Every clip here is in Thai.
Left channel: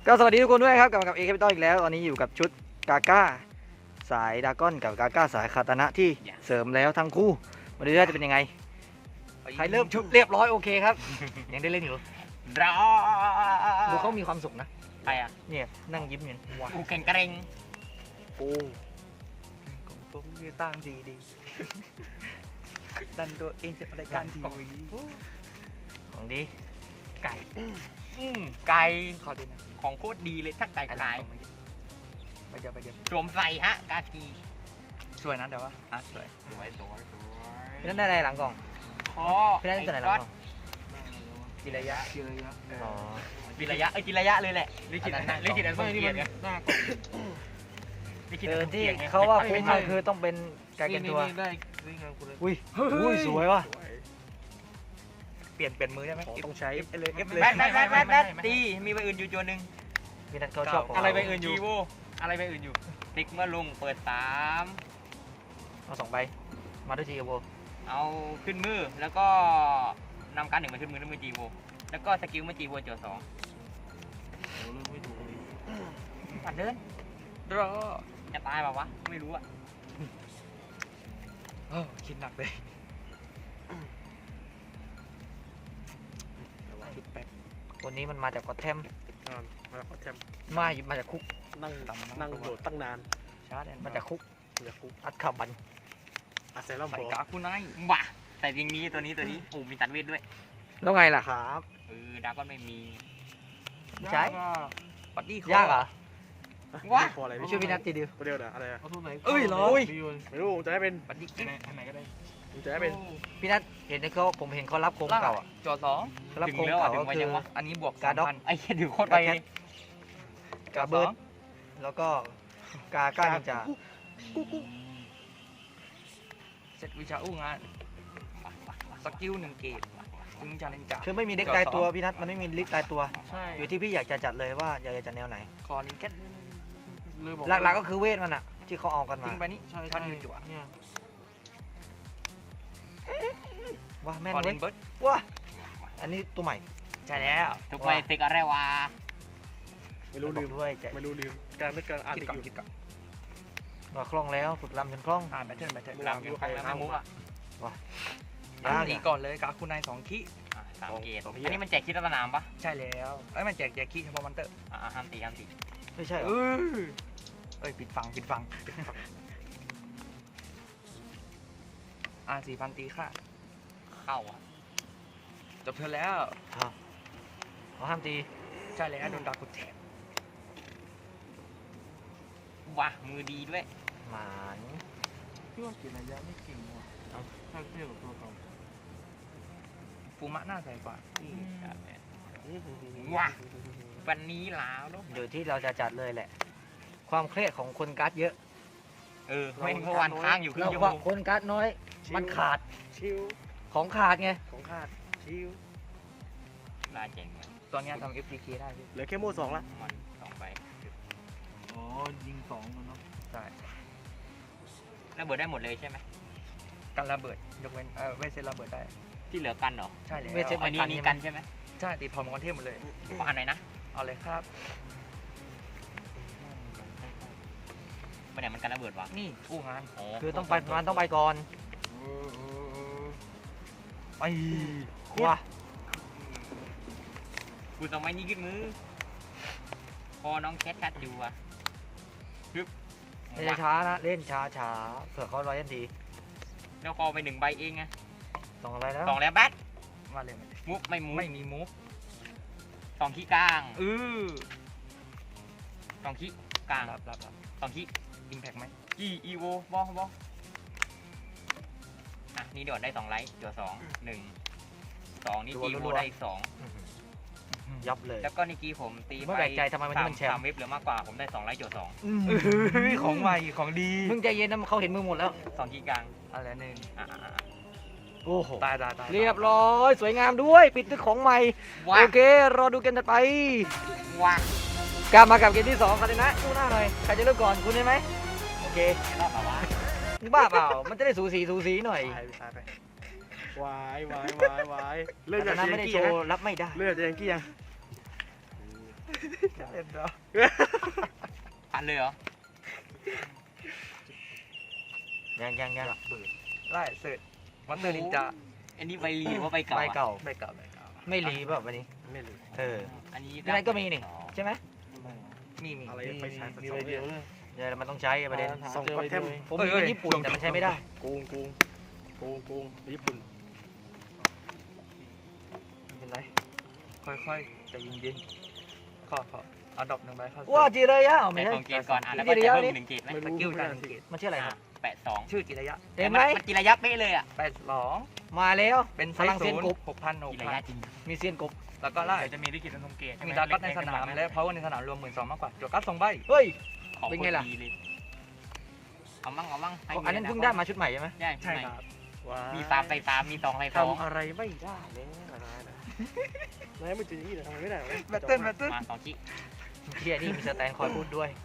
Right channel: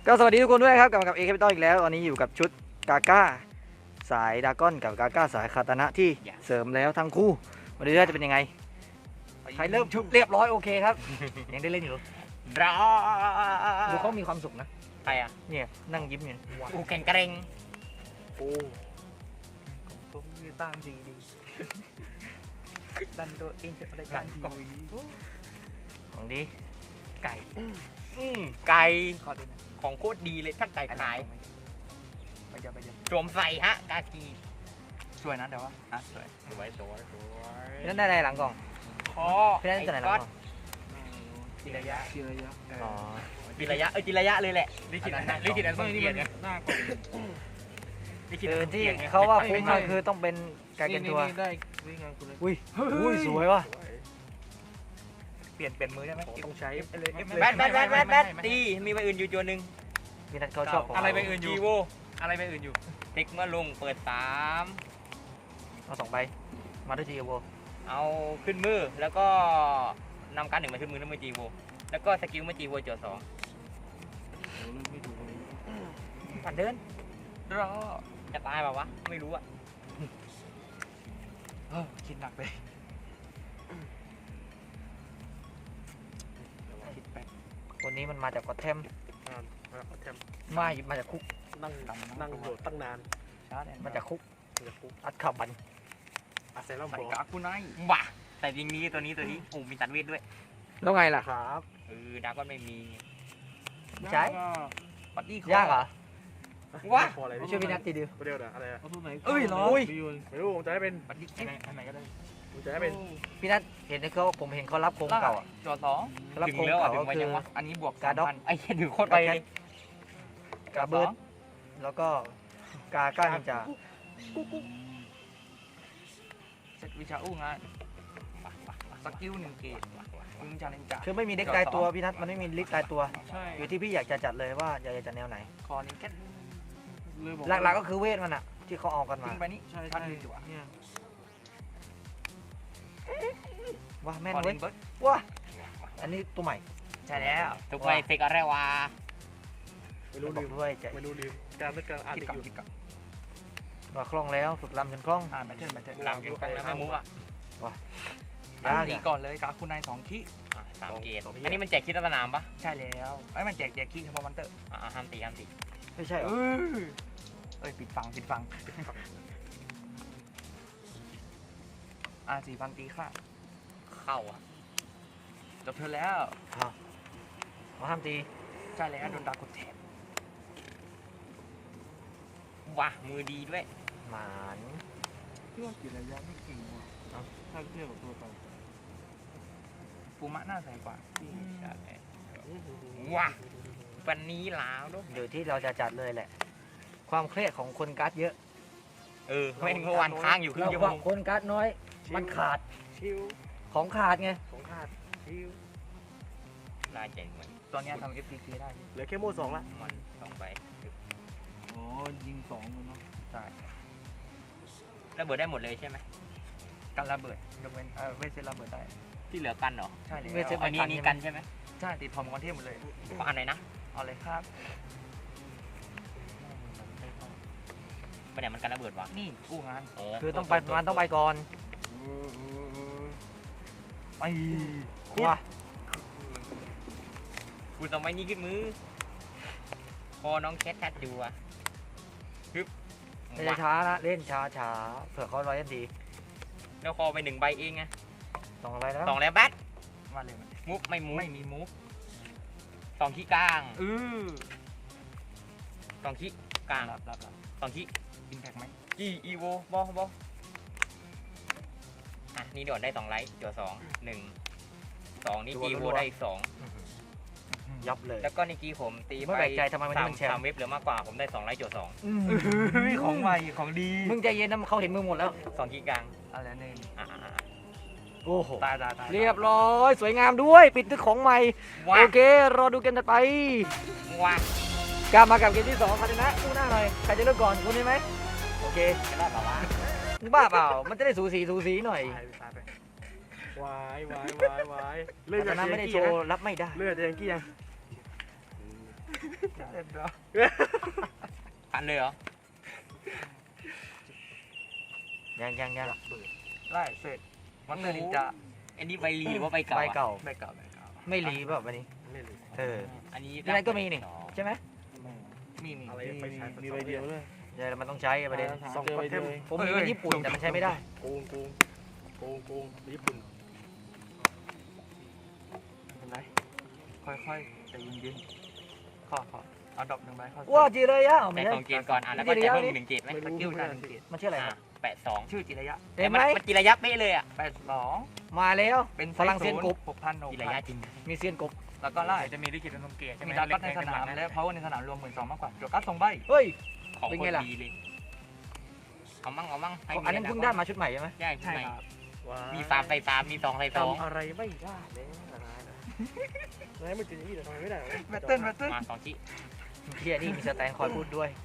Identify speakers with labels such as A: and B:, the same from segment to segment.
A: ก็สวัสดีทุกคนด้วยครับกลับมากับเอแคปิตอลอีกแล้วตอนนี้อยู่กับชุดกาก้าสายดากอนกับกาก้าสายคาตานะที่เสริมแล้วทั้งคู่มาดูว่าจะเป็นยังไงใครเริ่มชุดเรียบร้อยโอเคครับ ยังได้เล่นอยู่
B: รอ
A: ดูเขามีความสุขนะ
B: ไปอ่ะ
A: เนี่ยนั่งยิ้มอยู่
B: อูเก่งกระเรง
C: โอ้ผมมีตั้งดีดีดันตัวเองจะอะไรกันทีวี
A: ของดี
B: ไก่ไก่ของโคตรดีเลยถ้าไก่ขาย
C: ไปเดี๋ยวไปเดี๋ยว
B: โจมใส่ฮะกากี
C: สวยนะเดี๋ยวว่าสวย
B: สวย
A: พี่นั่นได้อะไรหลังกล่อง
B: คอ
A: พี่นั่นจะไหนหลังกล่อง
C: กิระยะกิระยะ
A: อ๋อ
B: กินระยะกินระยะเลยแหละลิขิตนั้นลิขิตนั้น
C: ไม่นี่มัน
B: เนี่ย
C: หน้ากล่อง
B: ลิขิต
A: ที่เขาว่าคุ้มมันคือต้องเป็นกาเกนตัว
C: ได้นี่งานคุณเลย
A: อุ้ยสวยว่ะ
C: เปลี่ยนมือได้ไหมต้องใช้เลย
B: แบทตีมีใบอื่นอยู่ตัวหนึ่ง
A: พี่นัทเขาชอบของ
B: อะไรใบอื่นอยู่อะไรใบอื่นอยู่ติ๊กเมื่อลงเปิด3
A: เอา2 ใบมาด้วยจีโอ
B: เอาขึ้นมือแล้วก็นำการ1มาขึ้นมือด้วยมือจีโวแล้วก็สกิลมือจีโวโจทย์2
C: โอ้เริ่มไม่ถูกเลย
B: การเดินรอจะตายเปล่าวะไม่รู้อ่ะคิดหนักเลย
C: คิดแป๊บ
A: คนนี้มันมาจากกอตแทม
C: มาแทม
A: มาจากคุก
C: นั่งโหลดตั้งนาน
A: มาจากคุก
C: อย่าคุก
A: อัดขับบัน
C: อาศัยเรา
B: ใส่
C: บอก
B: กาฟูไนว่ะใส่ยิงนี้ตัวนี้โอ้มีตัดเวทด้วย
A: แล้วไงล่ะครับ
B: ดาก็ไม่มี
A: ใช้
B: บัดดี้
A: ยากเหรอ
B: ว้า
C: พออะไร
A: ช่วยพี่นัททีเดียว
C: เดียวนะอะไรเอาทุนไหน
A: เอ้ยเหรอ
C: ไม่รู้จะให้เป็น
B: บัดดี้กิ๊ก
C: อันไหนก็ได้จะให้เป็น
A: พี่นัทเห็นเขาผมเห็นเขารับโครงเก่าอ่ะ
B: โจทย์2
A: เขารับโครงเก่าก็คือ
B: อันนี้บวก
A: การ์ด็อก
B: ไอ้แค่ถือโคตรไป
A: กาเบิร์ดแล้วก็กาก้านินจา
B: เซตวิชาอู้งานสกิล1 เกตคุณจานินจา
A: คือไม่มีเด็กตายตัวพี่นัทมันไม่มีลิสต์ตายตัว
B: ใช่
A: อยู่ที่พี่อยากจะจัดเลยว่าอยากจะจัดแนวไหน
B: คอนี้แค่
A: หลักๆก็คือเวทมันอ่ะที่เขาเอากันมา
B: ทิ้งไปนี่
C: ใช่
B: ช็อ
C: ใช่
B: ตอยู่
C: เนี่ย
A: ว้าแม่น
B: คอ
A: เว้
B: นิ
A: ย
B: นเบิร์ด
A: ว้าอันนี้ตัวใหม่
B: ใช่แล้วทุกไปเตกอะไรวะ
C: ไม่รู้
A: บอ
C: ลื
A: ก
C: ม
A: ด้วยจะ
C: ไม่รู้ลืมการนึกการอ่าน
B: คิด
C: อีก
B: ก่อน
C: อยู่
B: คิดก่อน
A: ว่าคล่องแล้วฝึกลำจนคล่อง
B: แบตเทิลตามกันไปแล้วไม่มุกอ่ะ
A: ยาก
B: ดี
A: อ่ะ
B: ก่อนเลยกาคุณนาย2 คิ3 เกตอันนี้มันแจกคิดสนามปะใช่แล้วไอ้มันแจกคิดเฉพาะมันเตอร์ห้ามตี
A: ไม่ใช่เหรอ
B: เอ้ยปิดฟัง4,000 ตีค่ะเข้าจบเธอแล้ว
A: เอาห้ามตี
B: ใช่แล้วโดนดากุดแทนว้ามือดีด้วย
A: หมาน
C: พี่ว่ากิระยะไม่จริงว่ะถ้าเทียบกับตัวเก่า
B: ฟูมะหน้าใสกว่าที่ว้าวันนี้แล้วลูก
A: อยู่ที่เราจะจัดเลยแหละ ความเครียดของคนการ์ดเยอะ
B: แม่งเมื่อวันค้างอยู่ครึ่
A: เรา
B: งชั่ว
A: ว่า
B: โมง
A: คนการ์ดน้อย มันขาด
C: ชิว
A: ของขาดไง
C: ของขาดชิว
B: น่าเจ๋งเลยตอนนี้ทำ FPK ได้อยู่
C: เหลือแค่โม่สองละ
B: 2 ใบ
C: อ๋อยิง2เนาะ
B: ใช่ระเบิดได้หมดเลยใช่ไหมกันระเบิดยกเว้นเวทเซตระเบิดได้ที่เหลือกันเหรอใช่เลย
A: เวทเซตมัน
B: อันนี้กันใช่ไหมใช่ติดทอมกันเทพหมดเลยมาอันไหนนะเอาเลยครับไปไหนมันกันระเบิดวะนี่กู้งาน
A: คือต้องไปมันต้องไปก่อน
B: ไป
A: ว้า
B: คุณต้องไปนี่ขึ้นมือพอน้องแคทชัดอยู่อ่ะฮึบ
A: เล่นช้าๆนะเล่นช้าๆเผื่อเขาร้อยทันที
B: แล้วคอไป1 ใบเองไง
A: สองอะไรแล้ว
B: 2 แล้วแบทมาเลยมุกไม่มุกไม่มีมุก2 ขี้กลาง2 ขี้กลางรับ2 ขี้อิมแพกไหมอีโวบออ่ะนี่โดดได้2 ไลท์ตัว2 1 2นี่จีโวได้อีก2
A: ยับเลย
B: แล้วก็นี่กี้ผมตี
A: ไม่แปลกใจทำไมวันนี้มันแชมป์
B: 3 เว็บเหลือมากกว่าผมได้2 ไลท์ตัว2
A: ของใหม่
B: ของดี
A: มึงใจเย็นนะเขาเห็นมึงหมดแล้ว
B: 2 ขี้กลางอะไรนึง
A: โอ้โห
B: ตาย
A: เรียบร้อยสวยงามด้วยปิดด้วยของใหม่
B: ว้า
A: โอเค รอดูเกมถัดไป
B: ว้าก
A: ลับมากับเกมที่2กันเลยนะคู่หน้าหน่อยใครจะเริ่มก่อนคุณได้ไหมโอเค
B: ได้ป่าวะ
A: มึงบ้าเปล่ามันจะได้สูสีหน่อย
C: ตายไปวายวาย
A: แต่ตอนนั้นไม่ได้โชว์รับไม่ได้
C: เลือดจะยังกี้ยังเอ็มแล้ว
B: ผ่านเลยเหรอ
A: ยัง
C: ไล่เสร็จมันเตอร์นินจา
B: อันนี้ใบรีว่าใบเก่า
A: ใบ
B: อะ
A: เก่า
C: ไม่เก่าไม่เก่า
A: ไม่รีแบบวันนี้
C: ไม่รู้
A: เออ
B: อันนี้
A: ที่นั่นก็มีนี่ ใช่ไหม
C: มีอะไรไปใช้
D: มีใบเดียวเลย
A: เดี๋ยวมันต้องใช้ประเด็น
D: เจอใบเดียวเอง
A: ผมมีเป็นญี่ปุ่นแต่มันใช้ไม่ได้
C: โกงญี่ปุ่นไม่เป็นไรค่อยๆใจเย็นๆพอเอาดอกหนึ่งใบเข้า
A: ว้าจีระยะเอา
B: แต่
A: ไม่ใช่
B: ของเกณฑ์ก่อนอ่ะแล้ว
A: จิ
B: ก็
A: ระ
B: จะ
A: ยะ
B: เพิ่
A: นี่
B: ม1 เกณฑ์ไหม
C: ไม่
B: ส
C: รู้
B: กิล
C: ไม่
B: กัน
C: รู้
A: มันชื่ออะไรครับ
B: 82
C: ชื่อจิระยะ
A: เห็นไหม
B: กีระยะเป๊ะเลยอ่ะ
C: 82
A: มาแล้ว
C: เป็น
A: พลังเซียนกบ
C: 6,000
B: กีระยะจริง
A: มีเซียนกบ
C: แล้วก็ไล่
D: จะมีที่กินเป็นนมเกต
C: มีดาร์กัสในสนามและเพาในสนามรวม12,000มากกว่าจวกัส2ใบ
A: เฮ้ย
B: ของ
A: เป็น
B: ค
A: ไง
B: น
A: ล่ะ
B: ดีเลยเอามั่งให้
A: อันนั้นเพิ่งได้มาชุดใหม่ใช่ไหม
B: ใช่
C: ใช่
B: ใช่
C: ครับ
B: มี3ใส่3มี2ใส่2
C: ทำอะไรไม่ได้เลยนะไม่ถึงอย่างนี้แต่ทำอะไรไม่ได้แบตเติ้ล
B: มา2 ชิ้น
A: เฮียนี่มีสแตนคอยพูดด้วย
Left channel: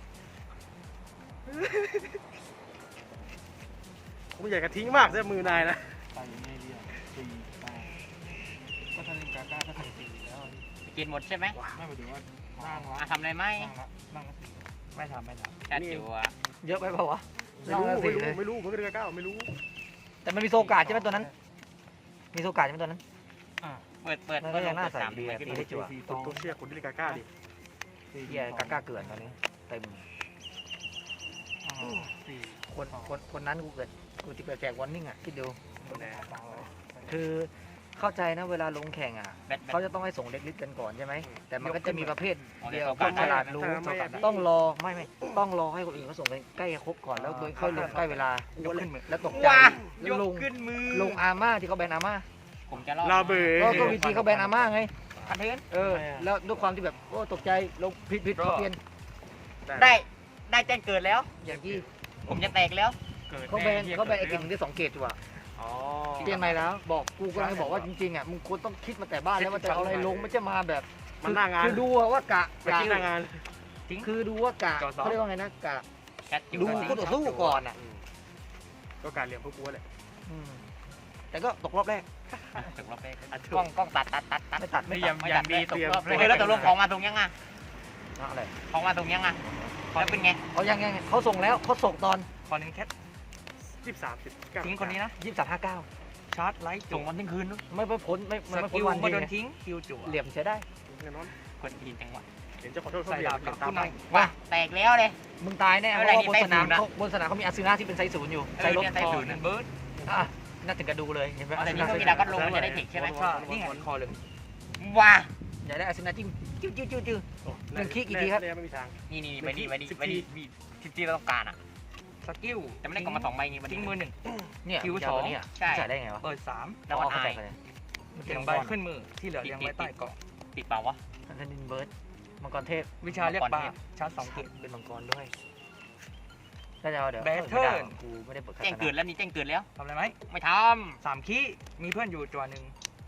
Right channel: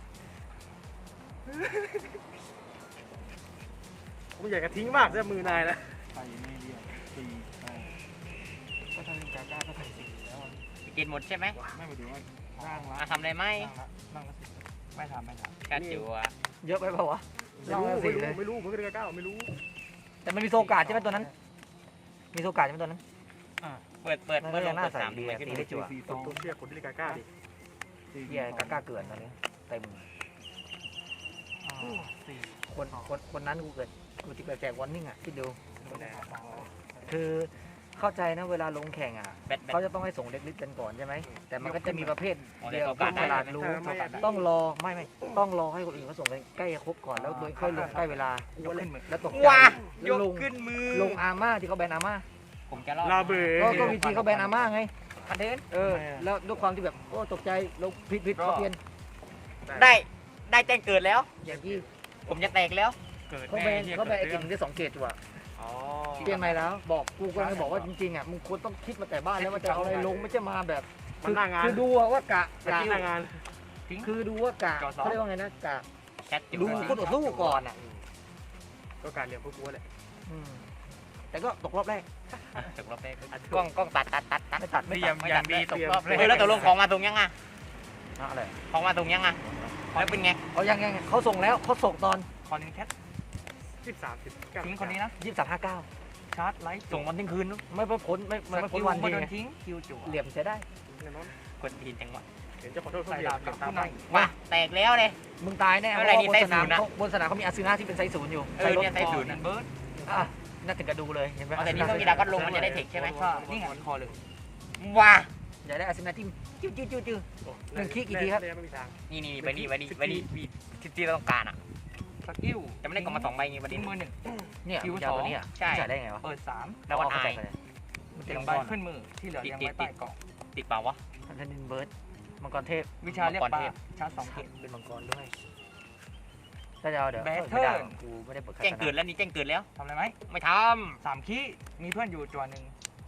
C: ผมอยากจะทิ้งมากใช่มือนายนะ
D: ไปไม่เรียกตีก็ทำเป็นกาก็ทำตีแล้ว
B: กินหมดใช่ไหม
D: ไม่หมายถึงว่าร่างละ
B: ทำได้ไหม
D: ร่างละ
C: ไม่ทำ
B: แค่จิ๋วอ่ะ
A: เยอะไปเปล่าวะลองละสี่เลย
C: ไม่รู้ผมเป็นก้าวไม่รู้
A: แต่มันมีโซกาดใช่ไหมตัวนั้น มีโซกาดใช่ไหมตัวนั้น
B: เปิด
A: มันก็ยังน่าใส่ดีอะตีได้จั่ว
C: ผมเชื่อคุณเป็นก้าวดิ
A: เฮียกล้าเกินตอนนี้เต็ม คนนั้นกูจะเกิดแจกวอร์นิ่งอ่ะคิดดู คือเข้าใจนะเวลาลงแข่งอ่ะ
B: แบต
A: เขาจะต้องให้ส่งเด็กลิสต์กันก่อนใช่ไหม แต่มันก็จะมีประเภทเดียวพวกฉลาดรู้
C: ต้
A: ต้
C: อ
A: อง งรอไม่ต้องรอให้คนอื่นเขาส่งกันใกล้จะครบก่อนแล้วโดยค่อยลงใกล้เวลา
C: ยกขึ้นมือ
A: แล้วตกใจแล้วลง
C: ขึ้นมือ
A: ลงอาม่าที่เขาแบนอาม่า
B: ผมจะรอด
C: ลาเบอ
A: ก็วิธีเขาแบนอาม่าไง
B: คันเดิน
A: แล้วด้วยความที่แบบโอ้ตกใจลงผิดเขาเปลี่ยน
B: ได้แจ้งเกิดแล้ว
A: อย่างที่
B: ผมจะแตกแล้ว
A: เขาแบนไอ้เก่งได้2 เกตอยู่อ่ะเปลี่ยนใหม่แล้วบอกกูกำลังจะบอกว่าจริงๆอ่ะมึงควรต้องคิดมาแต่บ้านแล้วว่าจะเอาอะไรลงไม่ใช่มาแบบ คือดูว่ากะ
C: ทิ้งงาน
A: คือดูว่ากะเขาเรียกว่าไงนะกะ
B: แค่จิ๋ว
A: ดูคู่ต่อสู้ก่อนอ่ะ
C: ก็การเรียนพวกกูแหละ
A: แต่ก็ตกรอบแรก
B: ตกรอบแรกกล้องตัด
A: ไม่ตัด
D: ไม่ยังดีตกรอบเลย
B: แล้วตกลงของมาตรงยังอ่ะ
A: อะไร
B: ของมาตรงยังอ่ะแล้วเป็นไง
A: เขายังเขาส่งแล้วเขาส่งตอน
C: คอนแคท23ทิ้งคนนี้นะ
A: 23:59
C: ชาร์จไลท์
B: ส่งวันทิ้งคืน
A: ไม่พ้นไม่พ้นวัน
C: ไม่
A: ดี
C: โด
A: ไง
C: นทิ้งคิวจั่ว
A: เหลี่ยมใช้ได้
B: คนทีนจังหวะ
C: เห็นจะขอโทษเขาเรียกผู้นาย
B: ว่าแตกแล้วเลย
A: มึงตายแน่เพ
B: ไม่
A: ราะ
B: ได้
A: ว่าบนสนาม
B: นี่ไต้ฝุ่นนะ
A: บนสนามเขามีอาซึนาที่เป็นไซส์0อยู่ไซส์รถ
B: เนี่ยไต้ฝุ่น
C: เบิร์ด
A: อ่ะน่าถึงกระดูเลยเห็นไหมอา
B: แต่
A: ซึ
B: นี่
A: นา
B: ก็มีดาก็ลงมันจะได้เทคใช่ไหม
C: นี่ไงคอเลย
B: ว้า
A: อยากได้อาซึนาจิ้มจิ้วหนึ่งคีกี่ทีครับ
C: ไม่มีทาง
B: นี่ไปนี่ที่เราต้องการอ่ะ
C: สกิล
B: จะไม่ได้กล่องมา2 ใบไง
C: ทิ้งมือ
A: เนี่ย
C: คิว
A: มึงจะเอาตัวนี้อ่ะ
B: ใช่
A: ใส่ได้ไงวะ
C: 1เปิด3
B: แล้ว
A: อ๋อ
B: ก็
A: เขา
B: ไอ
A: ใส่กันเลยมันเป็น
C: 1
A: มัง
C: ใบ
A: กร
C: ขึ้นมือที่เหลือยังไว้ใต้เกาะ
B: ติดเปล่าวะ
A: ทันนินเบิร์ดมังกรเทพ
C: วิชาเรียกปลาชาร์จ2เกต
A: เป็นมังกรด้วยถ้าจะเอาเดี๋ยว
C: Battle
A: ไม่ได้หรอกกูไม่ได้เปิดคา
B: แจ้ง
A: ตา
B: เกิด
A: นะ
B: แล้วนี่แจ้งเกิดแล้ว
C: ทำอะไรไหม
B: ไม่ท
C: 3คีมีเพื่อนอยู่จั่วหนึ่ง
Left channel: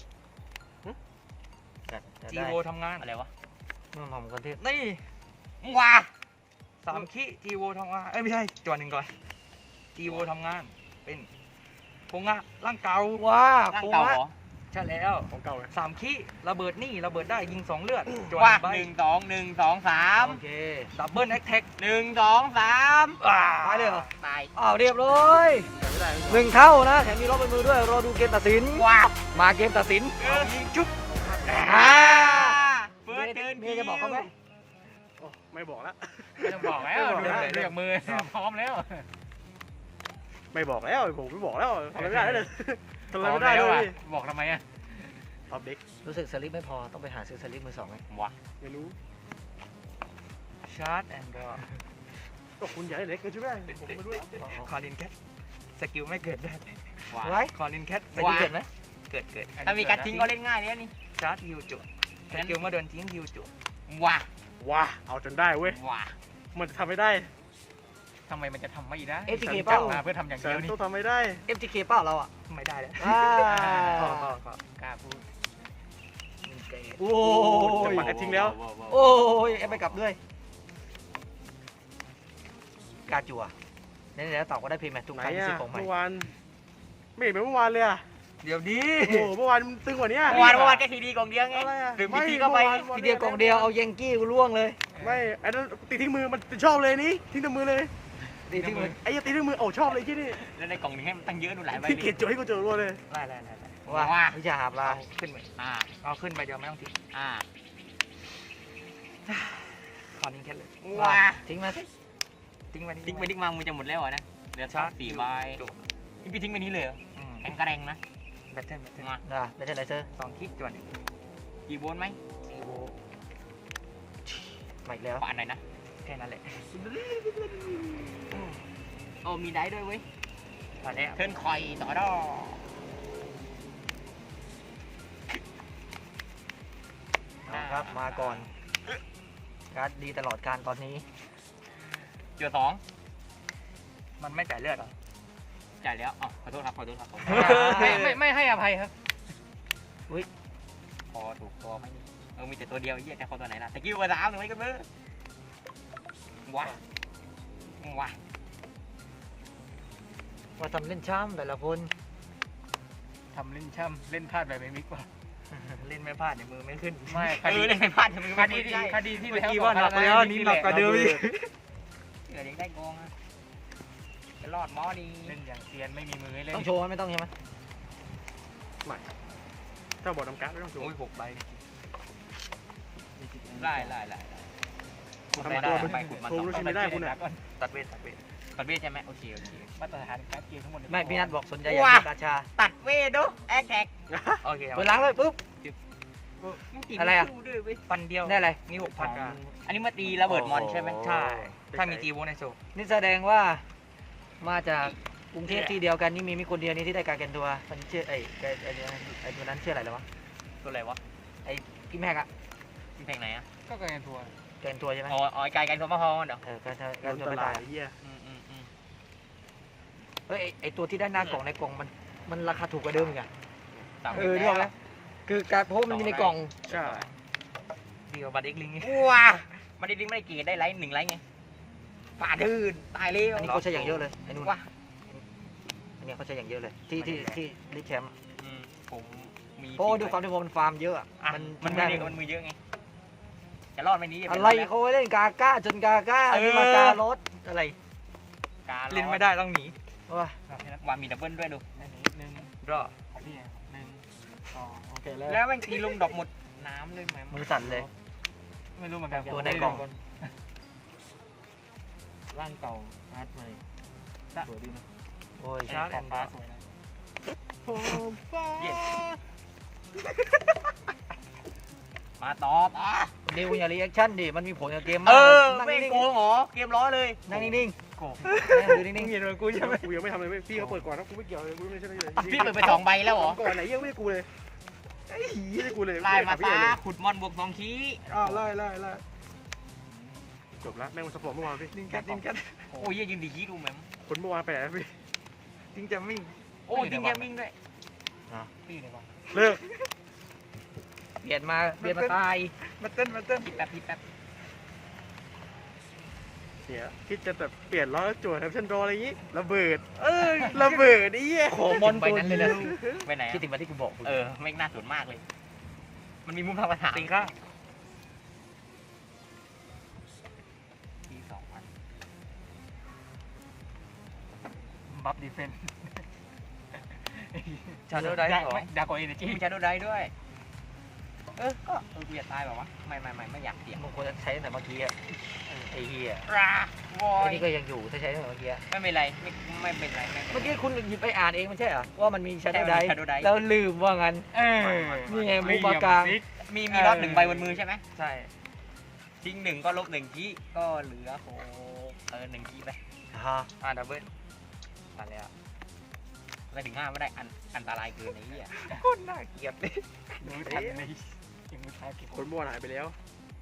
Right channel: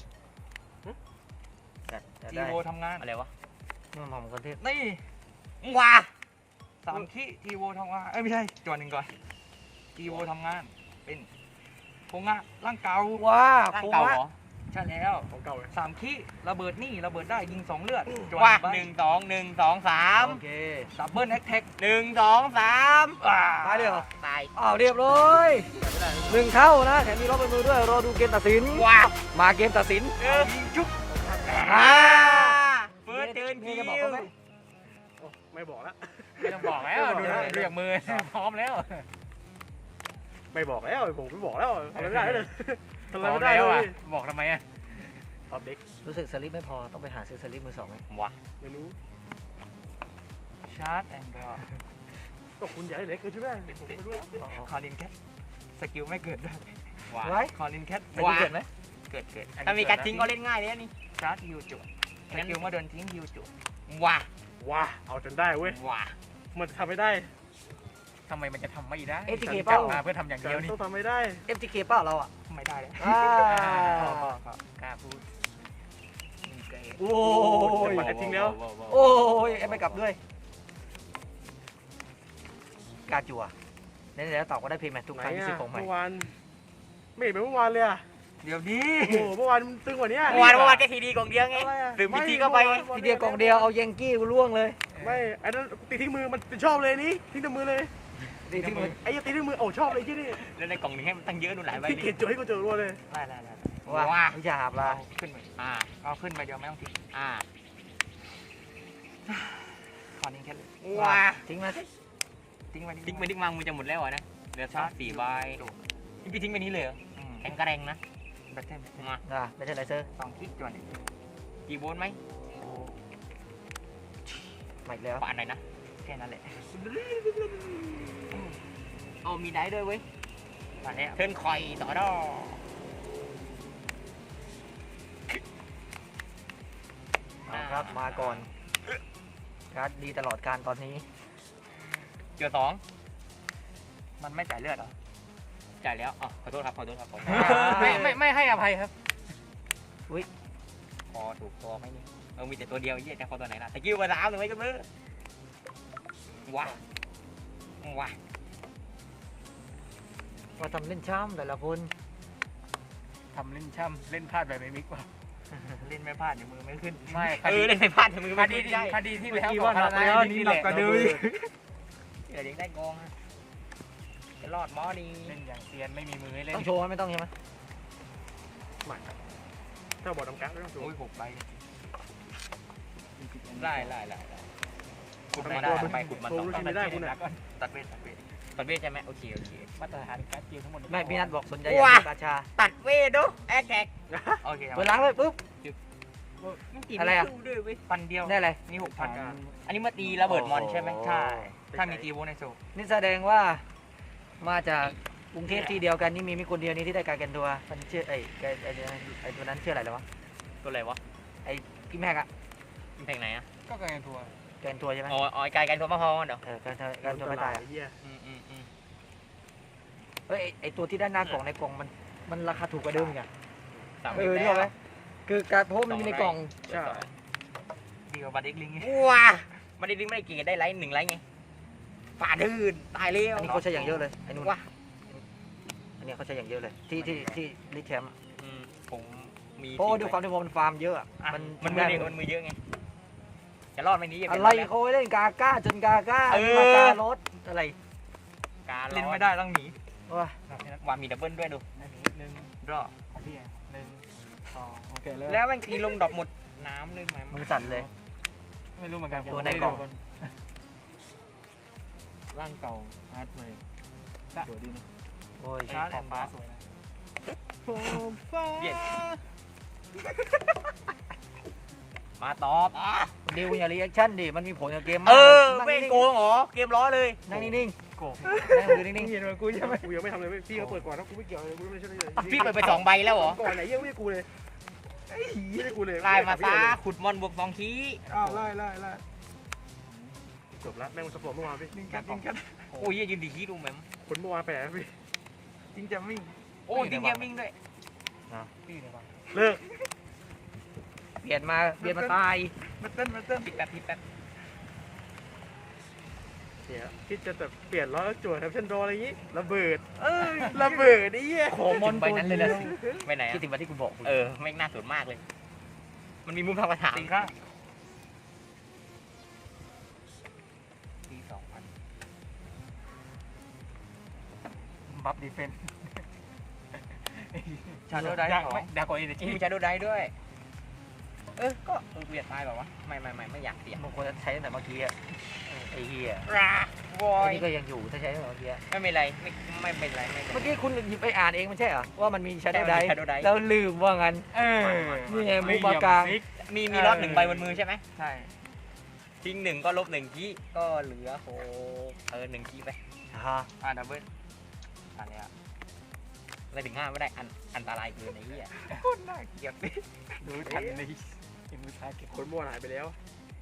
A: จะ
C: จี
A: ได้
C: โวทำงาน
B: ำอะไรวะ
A: มังกรเทพ
C: นี่
B: ว้า
C: 3คีจีโวทำงานไม่ใช่จั่วหนึ่งก่อนจีโวทำงานเป็นโคงะร่างเก่า
A: ว้า
B: ร่าง
A: โค้ง
B: เก่า
A: ละ
B: เหรอ
C: ใช่แล้ว3คีระเบิดนี่ระเบิดได้ยิง2เลือดจั่ว
B: ว้า
C: ใบ
B: 1 2
A: โอเค
C: ดับเบิลแอคแท็ก
B: 1 2 3
A: ตายเลยเหรอ
B: ตาย
A: อ้าวเรียบร้อย1 เท่านะแถมมีรอบบนมือด้วยรอดูเกมตัดสิน
B: ว้า
A: มาเกมตัดสิน
C: ยิงชุบ
A: อ่า
B: เฟิร์สเทิร์น
A: เมียจะบอกเขาไหม
C: ไม่บอกแล้ว
D: ไม่ต้องบอกแล้วเลือกมือพร้อมแล้ว
C: ไม่บอกแล้วผมไม่บอกแล้วทำไม่ได้เลยทำ
D: พร้อม
C: ไม่ได้
D: แล้ว
C: เล
D: อ่ะ
C: ย
D: บอกทำไมอ่ะ
C: ท็อปเด็ก
A: รู้สึกสลิปไม่พอต้องไปหาซื้อสลิปมือ 2ไง
B: ว้า
C: ไม่รู้ชาร์จแอนด์บอลก็คุณอยากให้เล็กเกินใช่ไหมผมไม่รู้คอลินแคทสกิลไม่เกิดด้วย
A: ไว้
C: คอลินแคท
A: แต่ที่เกิดไหม
C: เกิด
B: ถ้ามีการทิ้งก็เล่นง่ายเลยนี่
C: ชาร์จฮิวจุดสกิลเมื่อเดินทิ้งฮิวจุด
B: ว้า
C: ว้าเอาจนได้เว้ย
B: ว้า
C: มันจะทำไม่ได้
D: ทำไมมันจะทำไม่ได้
A: FTK เปล่า
D: เพื่อทำอย่าง
C: แต่
D: เดียวนี่
C: ต้องทำไม่ได้
A: FTK เปล่าเราอ่ะ
C: ไม่ได้แล้ว
A: อ่า
D: กล้าพูด
A: โอ้ย
C: จะทิ้งแล้ว
A: โอ้ยเอ็มไปกลับด้วยกาจัวเนี่ยแล้วตอบก็ได้เพย์แมททุกครั้งที่ซื้อของใหม่
C: เมื่อวานไม่เห็นเป็นเมื่อวานเลยอะเดี๋ยวนี้
D: โอ้โหเมื่อวานตึงกว่านี้
B: เมื่อวานแค่ทีดีกล่องเดียวไงหรือมีทีก็ไป
A: ทีเดียวกล่องเดียวเอาเยงกี้กูล่วงเลย
D: ไม่ไอ้นั่นตีทิ้งมือมันชอบเลยนี่ทิ้งแต่มือเลย
A: ตีที่มือ
D: ไอ้ตีทิ้งมือโอ้ชอบเลยที่นี่
B: แล้วในกล่องนึงให้มันตั้งเยอะดูหลายใบ
D: พี่เกดโจให้กูเจอรัวเลย
B: ได้
A: ว่าวิชาหาปลา
C: ขึ้นไปเอาขึ้นไปเดียวไม่ต้องทิ้ง
B: คอนนี้แค่เลย
A: ว่าทิ้งมาสิ
C: ทิ้งไว้
B: ทิ้งไปทิ้งมามึงจะหมดแล้วนะเหลือชาร์จ4 ใบพี่ทิ้งไปนี้เลยเหรอแอนกระแรงนะ
C: แบตเทิล
B: มา
A: ไม่ใช่ไรเซอร์
C: 2 คลิกจวน
B: กี่โวลต์ไหม
A: ใหม่แล้ว
B: ปานไหนนะ
C: แค่นั้นแหละ
B: เอามีได้ด้วยเว้ย
C: มาแล้ว
B: เทิร์นคอยต่อดอ
A: เอาครับมาก่อนการ์ดดีตลอดการตอนนี้
B: เจอ2
C: มันไม่จ่ายเลือดหรอ
B: จ่ายแล้วอ๋อขอโทษครับ
C: ไม่ให้อภัยครับ
B: พอถูกตัวไหมนี่มีแต่ตัวเดียวยี่จะพอตัวไหนล่ะตะกิ้วมา3 1ไว้กันเบ้อว้า
A: ว่าทำเล่นช้ำแต่ละคน
C: ทำเล่นช่ำเล่นพลาดแบบไม่มิกเปล่าเล่นไม่พลาดเดี๋ยวมือไม่ขึ้นไม่
B: เล่นไม่พลาดทำไม
C: คดีที่แล้ว
D: ว่าหนักแล้วนี่หนักกว่าเดิมอีก
B: เดี๋ยวยังได้กองจะรอดมอดี
C: เล่นอย่างเอียนไม่มีมือให้เล่น
A: ต้องโชว์ไหมไม่ต้องใช่ไหม
D: เจ้าบอกน้ำกั๊กไม่ต้องโจ
B: โอ้ย6 ใบได้
D: ทำตัวมัน
B: ไปขุดมา
D: โชว์ลูกชิ้นไม่ได้คุณเนี่ย
C: ตัดเวท
B: ตัดเวทใช่ไหมโอเค
C: มาตรฐานการเกมทั้งหมด
A: ไม่พี่นัทบอกสนใจอยากเป็นราชา
B: ตัดเวทดูแอคแท็กโอเค
A: เปิดล้างเลยปุ๊บ อะไรอะ
B: ปันเดียว
A: ได้อะไร
B: นี่6,000อันนี้มาตีระเบิดมอนใช่ไหม
A: โอ้
B: ใช่ถ้ามีตีโวในโซ
A: นี่แสดงว่ามาจากกรุงเทพที่เดียวกันนี่มีคนเดียวนี้ที่ได้การแกนตัวมันชื่อไอ้ตัวนั้นชื่ออะไรแล้ววะ
B: ตัวอะไรวะ
A: พี่แม็กอะ
B: เพลงไหนอ่ะ
C: ก็เกินทัวร์
A: แกนตัวใช่ไหม
B: อ๋อไกลกันทัวร์มะพร้าวเดี๋ยว
A: การตัวไม่ตายอะ
D: เหี้ย
A: เฮ้ยไอ้ตัวที่ด้านหน้ากล่องในกล่องมันราคาถูกกว่าเดิมอีกอะ
B: 3
A: นึกออกไหมคือการเพราะมันมีในกล่อง
D: ใช่
C: ดีกว่าบัตรเอ็กลิงไง
B: ว้าไม่ได้ดิ้งไม่ได้กี่ได้ไลท์1 ไลท์ไงป่าดื้นตายเร็ว
A: อันนี้เขาใช้อย่างเยอะเลยไอ้นู่น
B: ว้า
A: อันนี้เขาใช้อย่างเยอะเลยที่ลิแชมป์อะ
B: ผมมี
A: เพราะว่าด้วยความที่มันฟาร์มเยอะอะมันได้
B: มันมือเยอะไงจะรอดไหมนี้
A: อะไรเขาเล่นกาก้าจนกาก้านี่มาการถอะไร
C: เล่นไม่ได้ต้องหนี
A: วะ
B: ว่ามีดับเบิลด้วยดู
C: หนึ่ง
B: รอ
C: ของพี่1 2
A: เจอแล้ว
B: แล้วมันตีลงดอกหมดน้ำเลยไหม
A: มือสั่นเลย
C: ไม่รู้เหมือนกัน
A: ตัวในกล่อง
C: ร่างเก่าอาร์ตเลยสวยดีนะ
A: โอ้ย
C: ขอบฟ้าสวยนะ
B: เย็ดมาตอบ
A: ดิวอย่ารีแอคชั่นดิมันมีผลกับเกม
B: เอ
A: มาก
B: อ
A: นั่ง
B: ไม่
A: นิ่ง
B: โกงเหรอเกมล้อเลย
A: ๆนั่งนิ่ง
C: โก
A: ๆนั่งดูนิ่
D: มึ
A: ง
D: งเห็นมันกูใช่ไหมกูยังไม่ทำเลยพี่เขาเปิดก่อนนะกูไม่เกี่ยวเลยกูไม่ใช่เลย
B: พี่เปิดไป2 ใบแล้วเหรอ
D: ก่อนไหนยังไม่กูเลยไอ้เหี้ยกูเลย
B: ไล่มาฟ้าขุดมอนบวก2 คี
D: ไล่กดแล้วแม่งมันสปอร์ตเมื่อวานพี่
C: ดิ้งกันดิ้งกัน
B: โอ้ยยืนดีคีดูแม่ง
D: คนเมื่อวานไปไหนพี่
C: ดิ้งจะมิ่ง
B: โอ้ดิ้งเกมมิ่งด้วย
C: พี่เลยวะ
D: เลิก
A: ๆเบียดมาตาย
C: มาเต้น
B: พี่แป๊บ
D: เสียคิดจะแบบเปลี่ยนล้อจวดแทบชันโดอะไรอย่างงี้ระเบิดระเบิดไอ้เหี้ย
A: ขอมอนใบนั้นเลยนะ
B: ไปไหน
A: คิดถึงวันที่กูบอก
B: ไม่น่าสนมากเลย มันมีมุมทางกระถาง
C: ตีข้าว
B: ที2,000
C: บัฟดีเฟน
B: ชาโดได้เหรอ
C: ดากว่าเอเนจี
B: มีชาโดได้ด้วย ก็เบียดตายแบบวะไม่อยากเสีย
A: มันควรจะใช้ตั้งแต่เมื่อกี้อะไอ้เหี้ย
B: ราบอ
A: ไอ้
B: ย
A: นี่ก็ยังอยู่ถ้าใช้ตั้งแต่เมื่อกี้
B: ไม่เป็นไรไม่เป็นไร
A: เมื่อกี้คุณหยิบไปอ่านเองมันใช่เหรอว่ามันมีชาร์ดได
B: Shadow Dice
A: แล้วลืมว่างั้น นี่ไงมุกปากกลาง
B: มีรอบ1 ใบบนมือใช่ไหม
C: ใช่
B: ทิ้ง1 ก็ลบ1 คีก็เหลือ1 คีไป ดับเบิ้ลอะไรอ่ะอะไรถึง5ไม่ได้อันตรายเกินไอ้เหี้ย
C: โคตรน่าเกลียดเลยดูทันเลยกินมือเท้าเก็บ
D: คนเมื่อวานหายไปแล้ว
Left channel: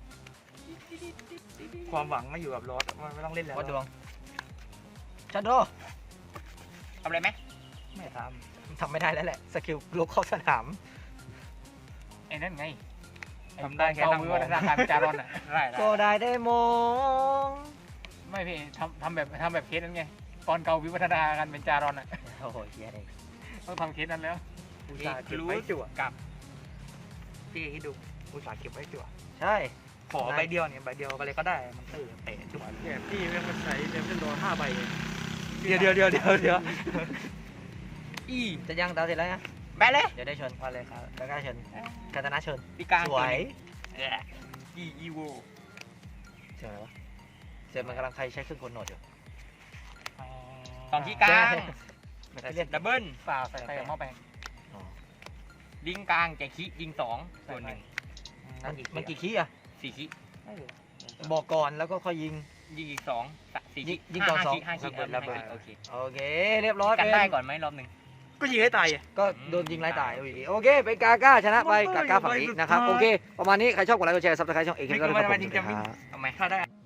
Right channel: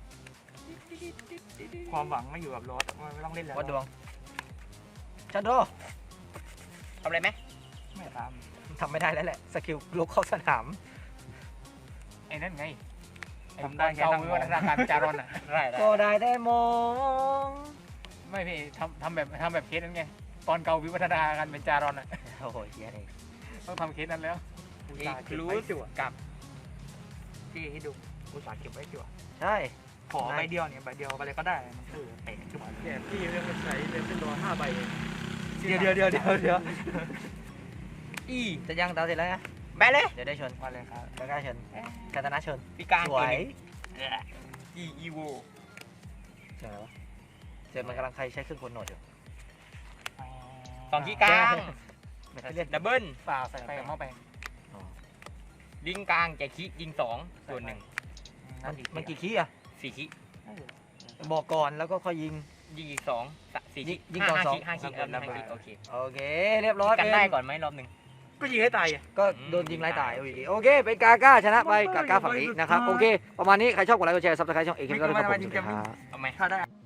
C: ความหวังไม่อยู่กับรถมันไม่ต้องเล่นแล้ว
A: วัดดวงชันโด
B: ทำอะไรไหม
C: ไม่ท
A: ทำไม่ได้แล้วแหละสกิลลุกเข้าสนาม
C: ำไอ้นั่นไง
B: ทำได้แค่
C: เกา
B: นั่ง
C: วิ
B: ม
C: วั
B: อง
C: ฒนาการจารอนอ่ะ
B: ได้
A: ก็ได้ได้มอง
C: ไม่พี่ทำแบบเคสนั้นไงตอนเกาวิวัฒนาการเป็นจารอนอ่ะ
A: โอ้โหเฮียเลย
C: ต้องทำเคสนั้นแล้ว
D: อุต
C: เอ
D: ส่าห์
C: ค
D: เก็บ
C: ลู
D: ไว้
C: ส
D: จั่ว
C: กับที่ให้ดูอุตสาห์เก็บไว้จั่ว
A: ใช่
C: ขอใบเดียวเนี่ยใบเดียวไปเลยก็ได้มันเตะจั่ว
D: เนี่ยพี่แม่งมันใช้เดฟเฟนโด5 ใบเอง
C: เดี๋ยวอี
A: จะยังดาวเสร็จแล้วนะ
C: ไปเลย
A: เดี๋ยวได้ชน
C: มาเลยครับ
A: กาก้าชนคาตานะชน
C: ปีกลาง
A: สวย
C: อีโว
A: เสียงอะไรวะเสียงมันกำลังใครใช้เครื่องกลโนดอยู่
C: สองที่กลาง
A: มันเล่น
C: ดับเบิ้ล
B: ฝ่าใส่ไปกับหม้อแปลง
A: อ๋อ
C: ลิงกลางแกคิยิงสองส่วนหนึ่ง
A: มันกี่ขี้อ่ะ
C: สี่คิ
A: บอกก่อนแล้วก็ค่อยยิง
C: ยิงอีกสองสี่
A: ยิงก่อนสอง
C: ห้าคิระเบิดโอเค
A: โอเค เรียบร้อย
C: กัน
A: เป็น
C: ได้ก่อนไหมรอบหนึ่ง
D: ก็ยิงให้ตายอ่ะ
A: ก็โดนยิงไล่ตายโอเคเป็นกาก้าชนะไปกาก้าฝั่งนี้นะครับโอเคประมาณนี้ใครชอบกดไลค์กดแชร์ซับสไครต์ช่องเอกก็ได้ครับผมสวัสดีครับ
C: เอาไหม
D: ถ้าได้